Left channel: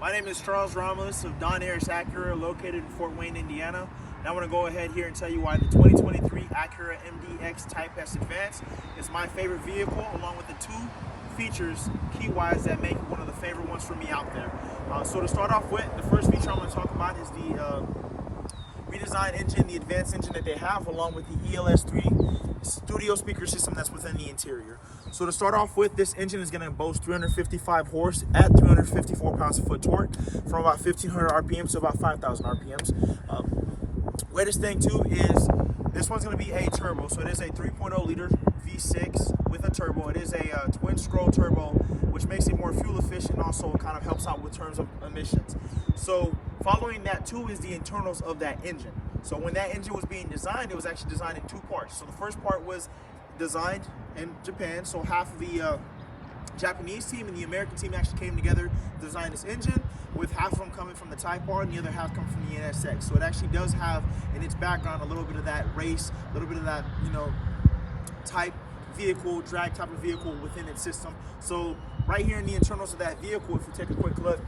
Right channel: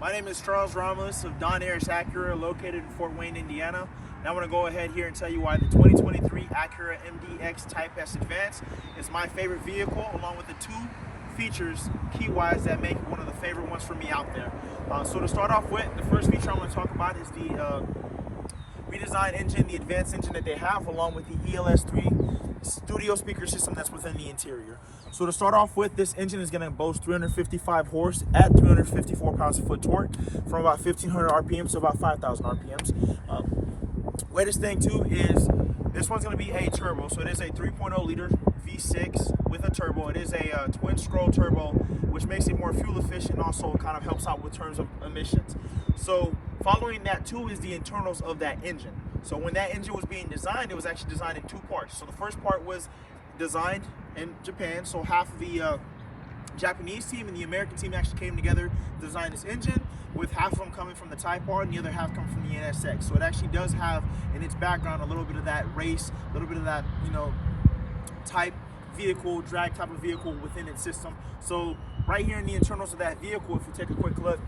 My name is Charles Ramos of Don Harris Acura, located in Fort Wayne, Indiana. And I want to go ahead here and tell you why the 2023 Acura MDX Type S Advance is my favorite vehicle, along with the two features, key-wise, that make it one of the favorite ones for me out there. So to start off with, the first feature I'm going to talk about is the redesigned engine, the advanced engine that they have, along with the ELS3 studio speaker system that's within the interior. So to start off with, this engine is going to boast 355 horse at 354 pounds-foot torque from about 1,500 RPMs to about 5,000 RPMs. Latest thing too is this one's going to be a turbo, so it is a 3.0 liter V6 with a turbo. It is a twin scroll turbo, which makes it more fuel efficient, and also kind of helps out with terms of emissions. So following that too is the internals of that engine. So when that engine was being designed, it was actually designed in two parts. So the first part was designed in Japan, so half of the Japanese team and the American team actually came together to design this engine, with half of them coming from the Type R and the other half coming from the NSX. So it actually does have in its background a little bit of that race, a little bit of that, type vehicle, drag type of vehicle within its system. So right here in the internals of that vehicle, if you take a quick look,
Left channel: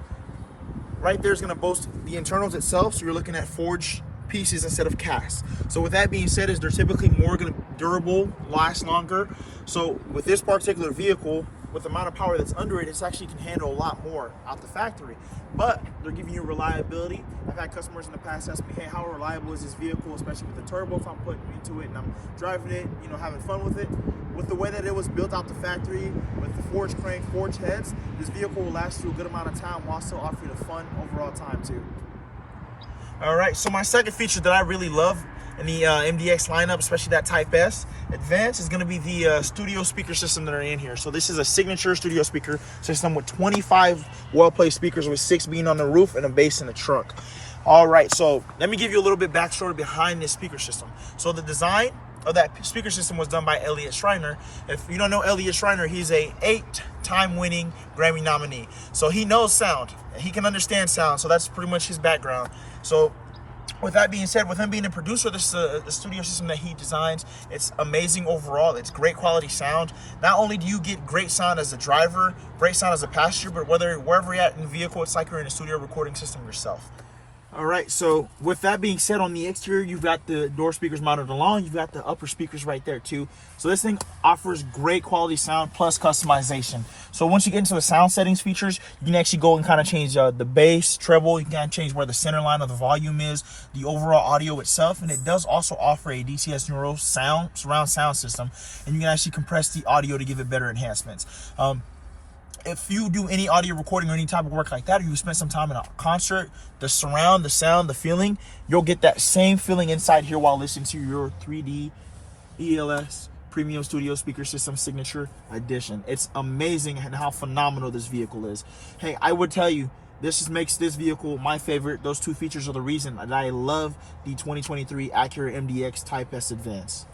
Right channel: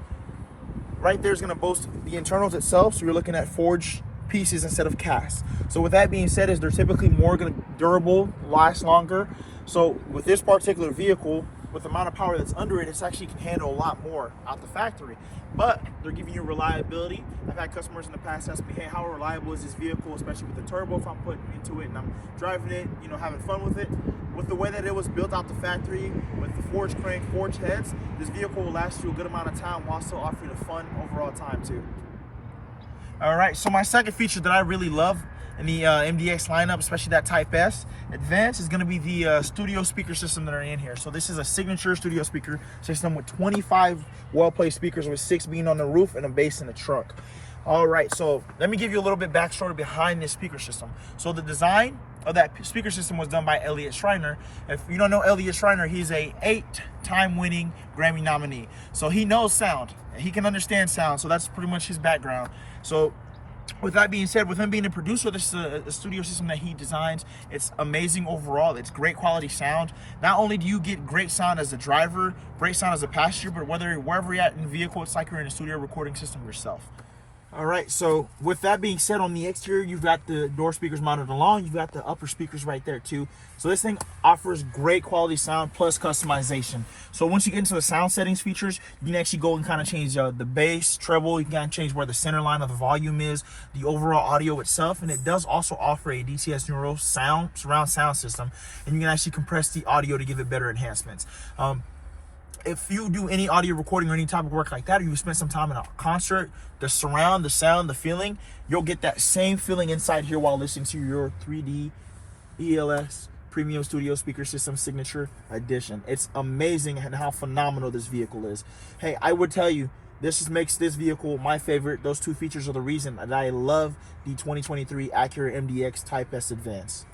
right there is going to boast the internals itself. So you're looking at forged pieces instead of cast. So with that being said, is they're typically more durable, last longer. So with this particular vehicle, with the amount of power that's under it, it actually can handle a lot more out the factory. But they're giving you reliability. I've had customers in the past ask me, hey, how reliable is this vehicle, especially with the turbo, if I'm putting into it and I'm driving it, having fun with it. With the way that it was built out the factory, with the forged crank, forged heads, this vehicle will last you a good amount of time while still offering a fun overall time too. All right, so my second feature that I really love in the MDX lineup, especially that Type S Advance, is going to be the studio speaker system that are in here. So this is a signature studio speaker system with 25 well-placed speakers, with 6 being on the roof and a bass in the trunk. All right, so let me give you a little bit backstory behind this speaker system. So the design of that speaker system was done by Elliott Schreiner. If you don't know Elliott Schreiner, he's a 8-time winning Grammy nominee. So he knows sound, he can understand sound. So that's pretty much his background. So with that being said, with him being a producer, this is a studio system that he designs. It's amazing overall. It's great quality sound. Not only do you get great sound as a driver, great sound as a passenger, but wherever you're at in the vehicle, it's like you're in a studio recording system yourself. All right, so with that being said, on the exterior, you've got the door speakers mounted along. You've got the upper speakers right there too. So this thing offers great quality sound plus customization. So once you get into the sound settings features, you can actually go and kind of change the bass, treble. You can kind of change where the center line of the volume is, the overall audio itself. And it does also offer a DTS Neuro surround sound system. And you can actually compress the audio to give it better enhancements. If you do any audio recording or any type of work like that, or you spend some time in a concert, the surround, the sound, the feeling, you'll get that same feeling inside here while listening to your 3D ELS Premium Studio Speaker System Signature Edition. It's amazing and how phenomenal this vehicle is. Hey, I would tell you, this just makes this vehicle my favorite. Those two features are the reason that I love the 2023 Acura MDX Type S Advance.